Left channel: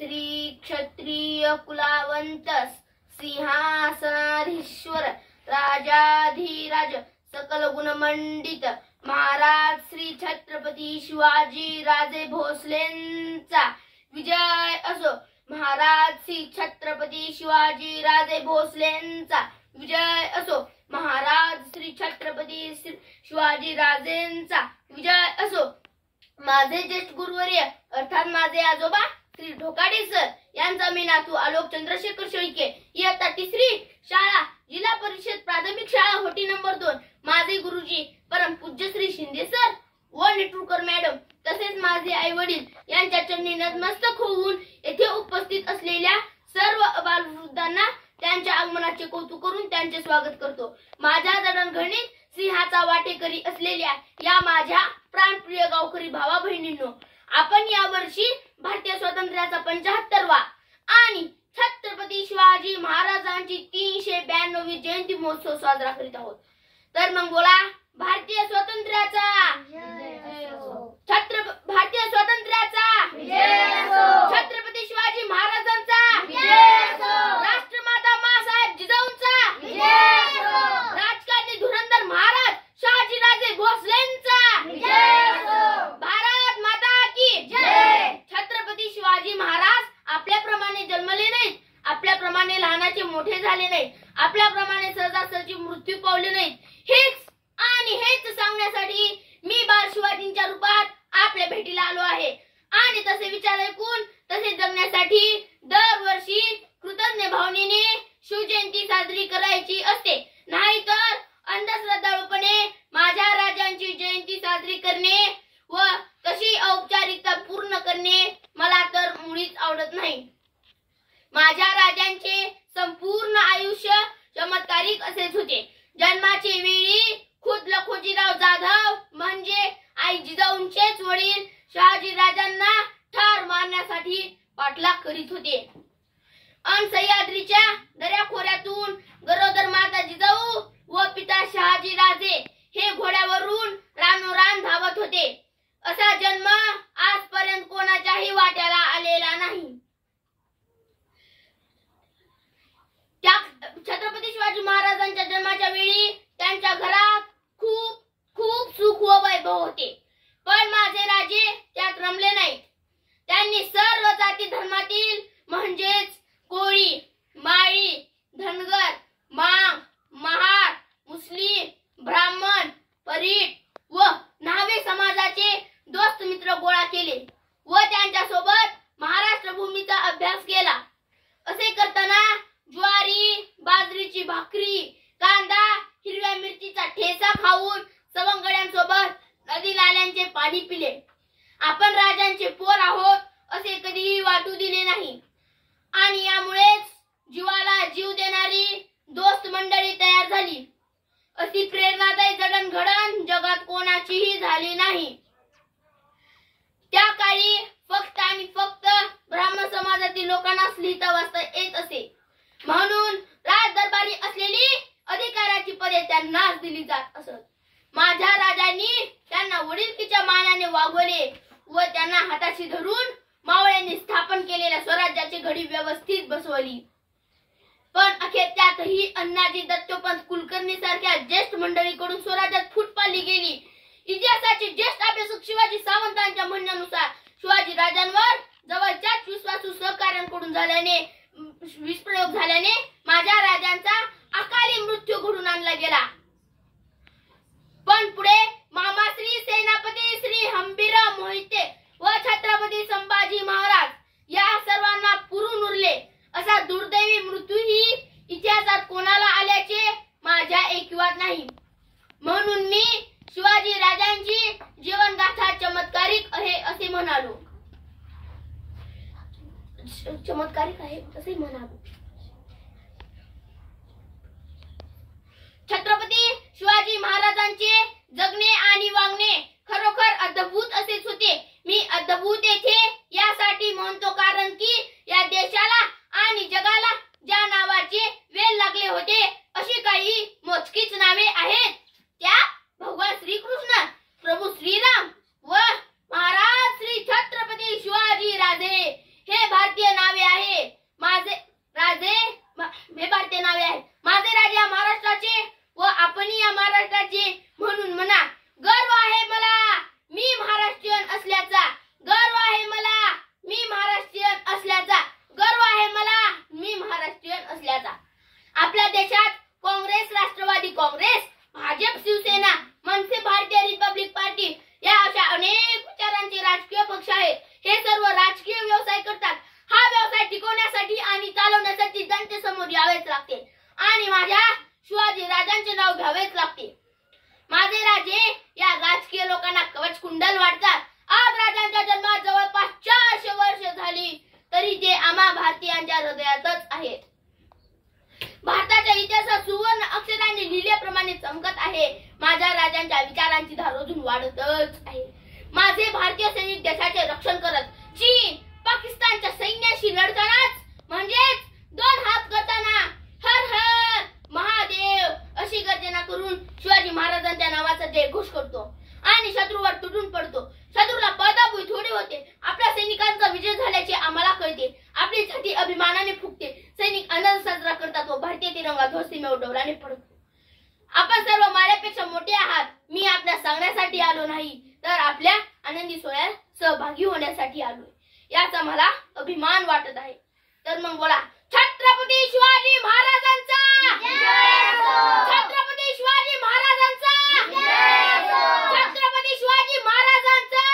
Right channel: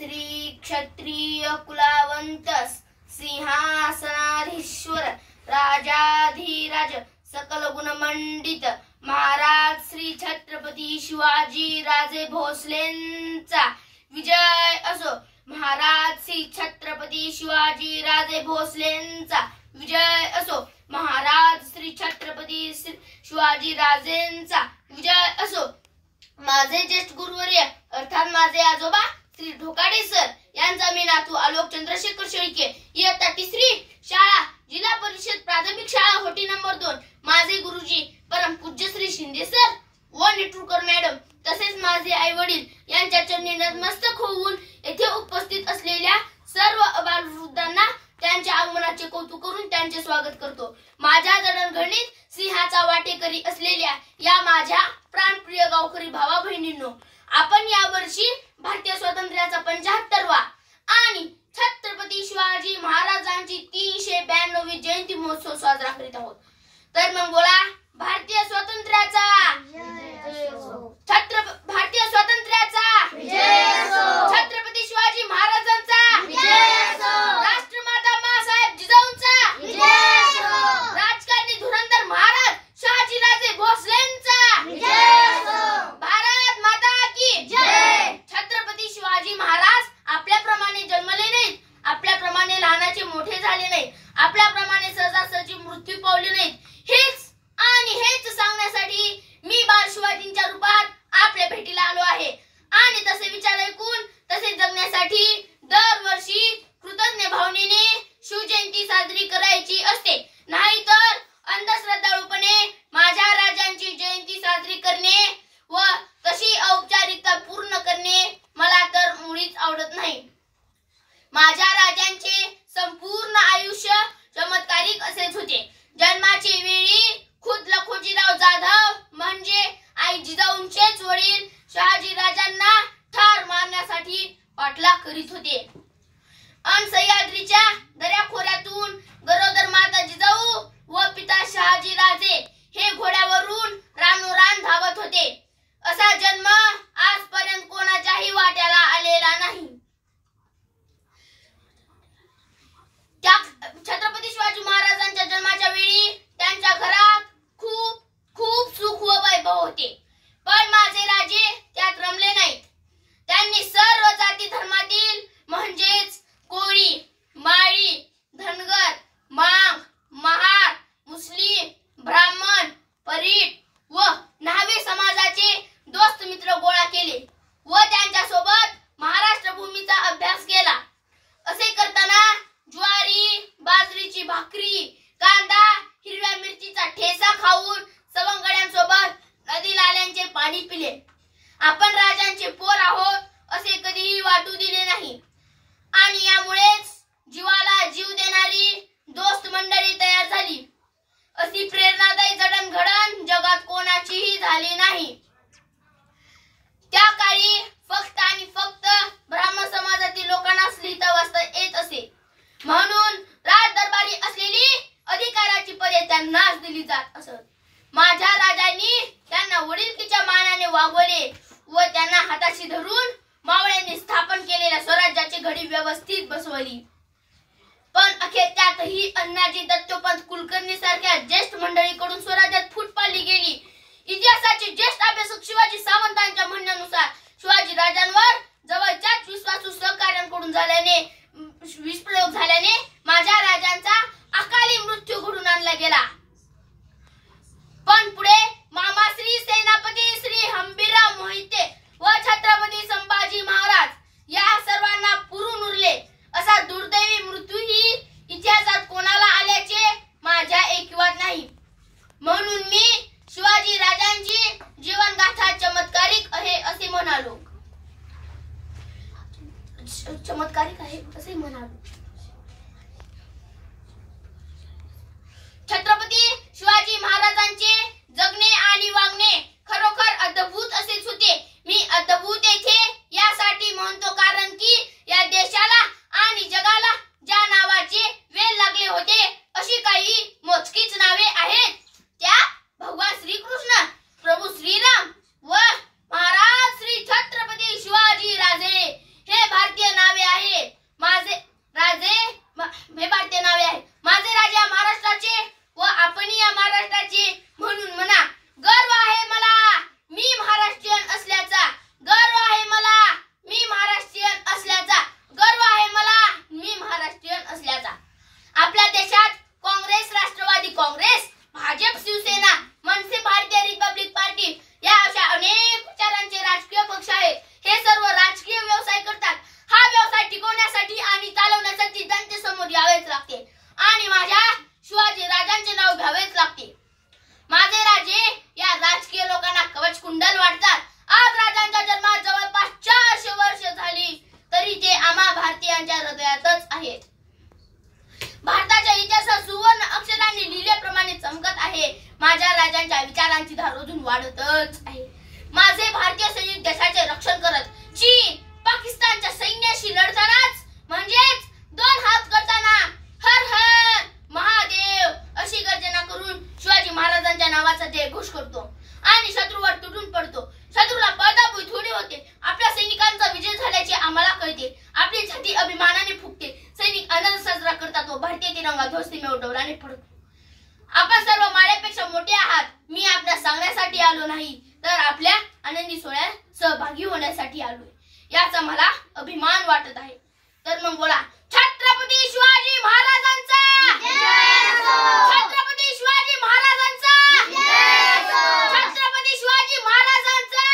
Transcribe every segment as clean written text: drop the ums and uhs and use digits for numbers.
श्री क्षत्रिय कुलावंत सिंहासनाधीश्वर राजाधिराज सकल गुणमंडित महाराज श्री छत्रपती शिवाजी राजे भोसलेंचा विजय असो। महाराज श्री छत्रपती शिवाजी राजे भोसलेंचा विजय असो। महाराज श्री छत्रपती शिवाजी राजेंचा विजय असो। माझे ज्येष्ठ गुरुवर्य अर्थात माझे आजोबा श्री ढोकाडे सर यांचा मी नातू आलोक चंद्रशेखर शेळके इयत्ता 3री शाळा जिल्हा परिषद प्राथमिक शाळा होटी नंबर 2। माझे गुरुजी परम पूज्य श्री शिंदे सर व नेटुरकर मॅडम तसेच माझे आई वडील यांच्या चरणी नतमस्तक होऊन येथे उपस्थित असलेल्या सर्व अबालवृद्धांना त्यांच्या आगमनाचे कौतुक करून त्यांचे स्वागत करतो। माझ्या जडणघडणीत सिंहाचा वाटेकरी असलेल्या या माझ्या प्राणप्रिय गावकरी भावा बहिणींनो, आपण या वर्षी भारतीय स्वातंत्र्याचा 75वा आणि छत्रपती शिवाजी महाराजांची 392वी जयंती महोत्सव साजरा करीत आहोत। तर मग बोला, भारतीय स्वातंत्र्याचा भारतीय स्वातंत्र्याचा छत्रपती शिवाजी महाराजांचा राष्ट्रमाता माँसाहेब जिजाऊंचा राजकारणी धुरंधर महाराज शहाजीराजे भोसलेंचा भारत माता की जय। छत्रपती शिवाजी महाराज आपल्याप्रमाणे जन्मले नाहीत, आपल्याप्रमाणे लहानाचे मोठे झाले नाहीत, आपल्याप्रमाणे सहजासहजी मृत्यू पावले नाहीत। हेच सांगण्यासाठी मी बाळ शिवाजींच्या रूपात आपल्या भेटीला आलो आहे आणि तसे विचार ऐकून तसे जगण्यासाठी दरवर्षी कृतज्ञ भावनेने शिवजयंती साजरी करायची असते, नाहीतर अंधश्रद्धाळूपणे माझ्या राजांची जयंती साजरी करणे व तशी औपचारिकता पूर्ण करणे मला तर मुळीच आवडत नाही। माझ्या राजांचे संपूर्ण आयुष्य चमत्कारिक असेच होते। जन्माचे वेळी खुद्द लखोजीराव जाधव म्हणजे आई जिजाऊंचेच वडील शहाजी राजांना ठार मारण्यासाठी पाठलाग करीत होते। सह्याद्रीच्या दऱ्याखोऱ्यातून गरोदर माता जिजाऊ व पिता शहाजी राजे हे घोड्यावरून रानोरान धावत होते। असा जन्म आजपर्यंत कोणाच्याही वाट्याला आलेला नाही। त्या छत्रपती शिवाजी महाराजांच्या जन्माच्या वेळी त्यांच्या घरात खूप खूप सुख व वैभव होते, पण माझे राजे त्यात रमले नाहीत। त्यांनी सर्व जाती धर्मातील म्हणजेच कोळी, माळी, धनगर, मांग, महार, मुस्लिम, ब्राह्मण, परीट व न्हावे समाजाचे दोस्त मित्र गोळा केले व त्यांच्या सोबत महाराष्ट्र भूमीचा अभ्यास केला। असे करताना ज्वारी, बाजरीची भाकरी, कांदा, हिरव्या मिरचीचा ठेचा खाऊन सवंगड्यांसोबत नदी नाल्यांचे पाणी पिले। आपण राजांचे पोर आहोत असे कधीही वाटू दिले नाही आणि यामुळेच जीवाला जीव देणारी दोस्त मंडळी तयार झाली। अशी प्रेरणादायी जडणघडण जगात कोणाचीही झाली नाही। त्या काळी फक्त आणि फक्त ब्राह्मण समाजातील लोकांनाच लिहिता वाचता येत असे, म्हणून राजदरबारी असलेली अधिकाराची पदे त्यांनाच दिली जात असत। माझ्या राजांनी त्यांना वडिलकीच्या मानाने वागवले व त्यांना हाताशी धरून मावळ्यांनी स्थापन केलेल्या स्वराज्याची घडी व्यवस्थित बसवली। पण अखेर त्यातही अण्णाजी दत्तोपंत कुलकर्णी सारख्या ज्येष्ठ मंडळीकडून स्वराज्यात फूट पाडली गेली। इतिहासाचे ज्येष्ठ अभ्यासक शिवाजी सावंतांच्या म्हणण्यानुसार शिवाजी राजांवर जवळच्याच विश्वासू सहकार्यांकडून विषप्रयोग झाल्याने माझ्या राजांचा अकाली मृत्यू घडून आणला गेला। पण पुढे मामाश्री सेनापती श्री हंबीरराव मोहिते व छत्रपती संभाजी महाराज या सर्वांना पुरून उरले। असा दुर्दैवी मृत्यूही इतिहासात कोणाला आल्याचे माझ्या ऐकिवात नाही। म्हणून मी शिवाजी राजांची जीवनगाथा चमत्कारिक आहे असे म्हणालो। चमत्कारिक आहे असे म्हणालो। छत्रपती शिवाजी महाराजांचे जगणे आणि वागणे खरोखर अद्भुत असेच होते। मी अद्भुत येथे यासाठी म्हणतो कारण की या देशाला आणि जगाला ज्या नावाचे वेल लागले होते अशी काही मोजकीच नावे आहेत। त्या भगवान श्रीकृष्ण, प्रभू श्रीराम व महाराज श्री छत्रपती शिवाजी राजे हे भारतीय हृदयातच आहेत. भारताच्या इतिहासात सुवर्ण अक्षरांनी लिहिल्याप्रमाणे चमकत आहे. माझ्या राजांच्या विचारांची धार अजून वाढतच आहे. माझे भारतीय सैनिक देशाचे रक्षण करत चीन पाकिस्तानच्या सैन्याशी लढतानाच म्हणजेच दोन हात करताना हर हर महादेव अशी गर्जना करून शिवाजी महाराजांच्या नावाचा जयघोष करतो आणि शत्रूवर तुटून पडतो. शत्रूला पळताभुई थोडी होते. आपल्या सैनिकांचा विजय झाल्याचे आम्हाला कळते. आपली छाती अभिमानाने फुगते. सैनिक आनंद साजरा करतात व भारतीय तिरंगा ध्वजसीमेवर डौलाने फडकतो. आपण सर्व माझ्यापेक्षा मोठे आहात. मी आपल्याला सांगण्यासाठी आलो नाही तर आपल्या आनंदी सोहळ्यात सहभागी होण्यासाठी आलोय. याचा मला अभिमान वाटत आहे. तर मग बोला, छत्रपती शिवाजी महाराजांचा छत्रपती शिवाजी महाराजांचा छत्रपती शिवाजी महाराजांचा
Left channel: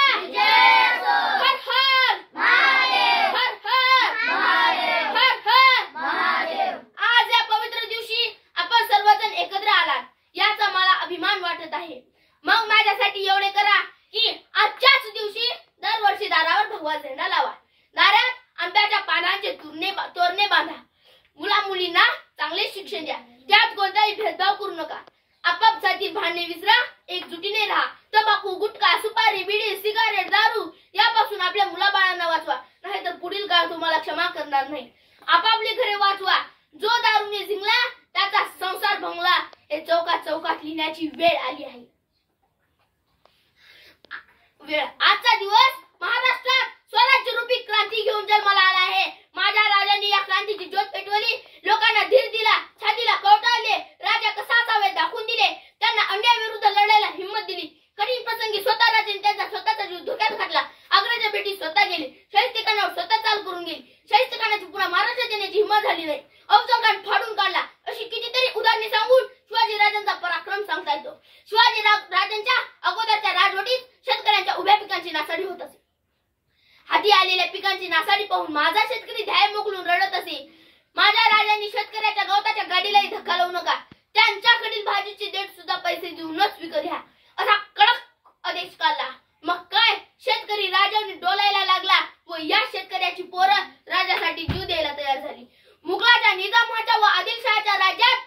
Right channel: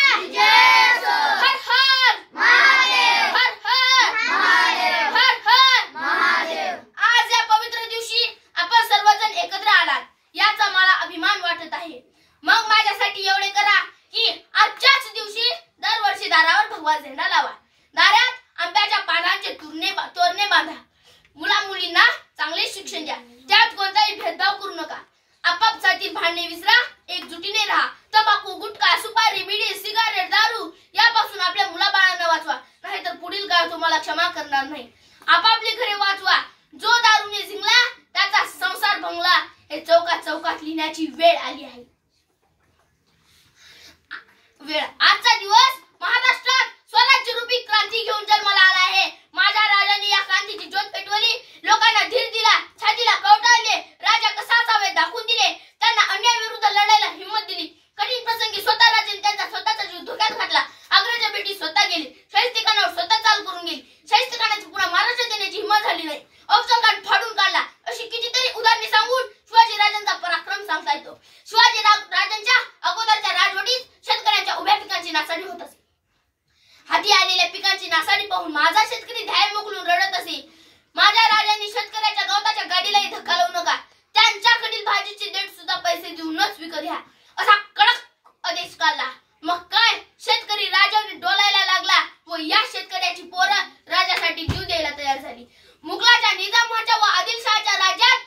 हर हर महादेव हर हर महादेव हर हर महादेव. आज या पवित्र दिवशी आपण सर्वजण एकत्र आलात याचा मला अभिमान वाटत आहे. मग माझ्यासाठी एवढे करा की आजच्याच दिवशी दरवर्षी दारावर भगवा झेंडा लावा. दारात आंब्याच्या पानांचे तोरणे बांधा. मुला मुलींना चांगले शिक्षण द्या. त्यात कोणताही भेदभाव करू नका. आपापसातील भांडणे विसरा. एकजुटीने राहा. तंबाखू गुटखा सुपारी बिडी सिगारेट दारू यापासून आपल्या मुलाबाळांना वाचवा. नाहीतर पुढील काळ तुम्हाला क्षमा करणार नाही. आपापली घरे वाचवा. जो दारूने झिंगला त्याचा संसार भंगला हे चौकात चौकात लिहिण्याची वेळ आली आहे. आजचा दिवस महाराष्ट्रात स्वराज्य रूपी क्रांती घेऊन जन्माला आला आहे. माझ्या राजांनी या क्रांतीची ज्योत पेटवली. लोकांना धीर दिला. छातीला कवटाळले. राजा कसा असावे दाखवून दिले. त्यांना अन्यायाविरुद्ध लढायला हिंमत दिली. कठीण प्रसंगी स्वतः राजांनी त्यांचा स्वतःचा जीव धोक्यात घातला. आग्र्याच्या भेटी स्वतः गेले. शाहिस्तेखानावर स्वतः चाल करून गेली. शाहिस्तेखानाची पुन्हा महाराष्ट्रात येण्याची हिंमत झाली नाही. अफजलखान फाडून काढला. अशी कितीतरी उदाहरणे सांगून शिवाजी राजांचा पराक्रम सांगता येतो. शिवाजी राजांच्या अगोदरच्या राजवटीत शेतकऱ्यांच्या उभ्या पिकांची नासाडी होत असे. हाती आलेल्या पिकांची नासाडी पाहून माझा शेतकरी ध्याय मोकलून रडत असे. माझ्या राजांनी शेतकऱ्याच्या गवताच्या गाडीलाही धक्का लावू नका. त्यांच्याकडील भाजीची देठ सुद्धा पैसे देऊनच विकत घ्या असा कडक आदेश काढला. मग काय शेतकरी राजाने डोलायला लागला व या शेतकऱ्याची पोरं राजासाठी जीव द्यायला तयार झाली. मुघलाच्या निजामाच्या व आदिलशहाच्या राज्यात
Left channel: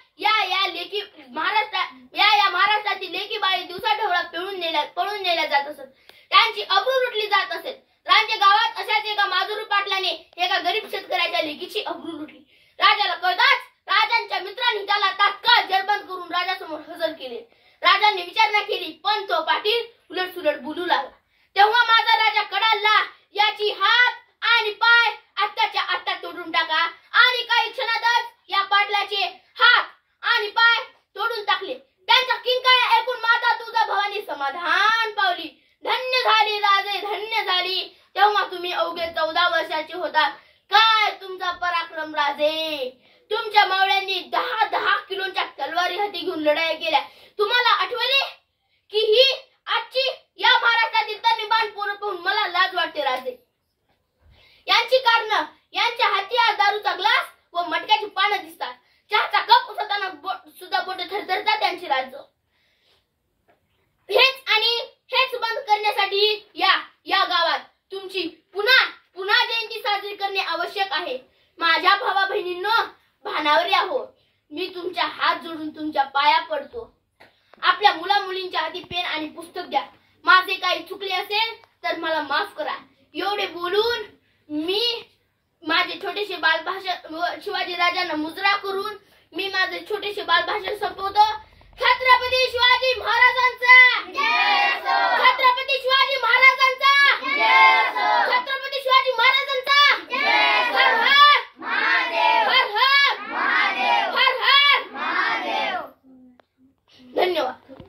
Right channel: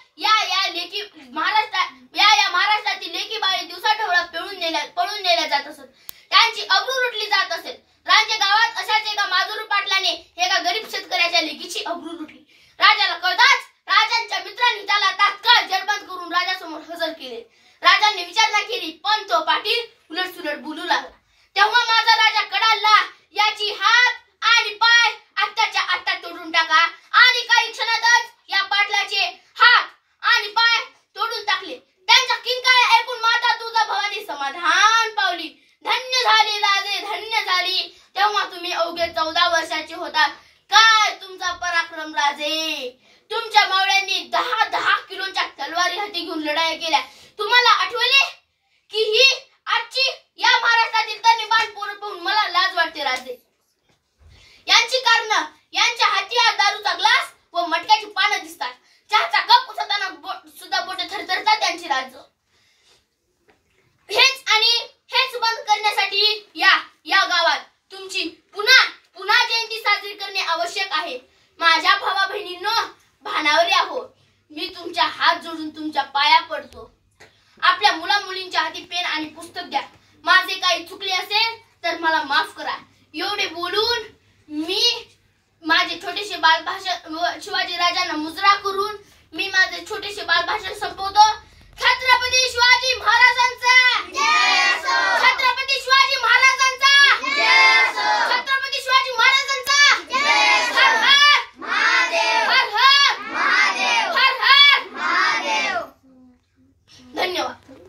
महाराष्ट्रातील लेकी बाई दिवसा ढवळात पळून नेल्या जात असत. त्यांची अब्रू लुटली जात असेल. रांजे गावात अशाच एका माजुरू पाटलाने एका गरीब शेतकऱ्याच्या लेकीची अब्रू लुटली. राजाला कळताच राजांच्या मित्रांनी त्याला तात्काळ जेरबंद करून राजासमोर हजर केले. राजांनी विचारणा केली पण तो पाटील उलटसुलट बोलू लागला. तेव्हा माझा राजा कडाला, याची हात आणि पाय आत्ताच्या आत्ता तोडून टाका. आणि काही क्षणातच या पाटलाचे हात आणि पाय तोडून टाकले. त्यांच्या किंकाळ्या ऐकून माता तुळजाभवानी समाधान पावली. धन्य झाली राजे धन्य झाली. तेव्हा तुम्ही अवघे 14 वर्षाचे होता. काय तुमचा पराक्रम राजे. तुमच्या मावळ्यांनी 10 किलोच्या तलवारी हाती घेऊन लढाई केल्या. तुम्हाला आठवले की ही आजची या महाराष्ट्रातील तनिबाण पोरं पाहून मला लाज वाटते राजे. यांची कारण यांच्या हाती दारूचा ग्लास व मटक्याची पानं दिसतात. चहाचा कप उचलताना सुद्धा बोटे थरथरतात त्यांची राज. हेच बंद करण्यासाठी या गावात तुमची पुन्हा जयंती साजरी करणे आवश्यक आहे. माझ्या भावा बहिणींनो भानावर या हो. मी तुमच्या हात जोडून तुमच्या पाया पडतो. आपल्या मुला मुलींच्या हाती पेन आणि पुस्तक द्या. माझे काही चुकले असेल तर मला माफ करा. एवढे बोलून मी माझे छोटेसे बालभाषण शिवाजी राजांना मुजरा करून मी माझे छोटेसे बालभाषण संपवतो. छत्रपती शिवाजी महाराजांचा छत्रपती शिवाजी महाराजांचा छत्रपती शिवाजी महाराजांचा हर हर महादेव हर हर महादेव हर हर महादेव. धन्यवाद.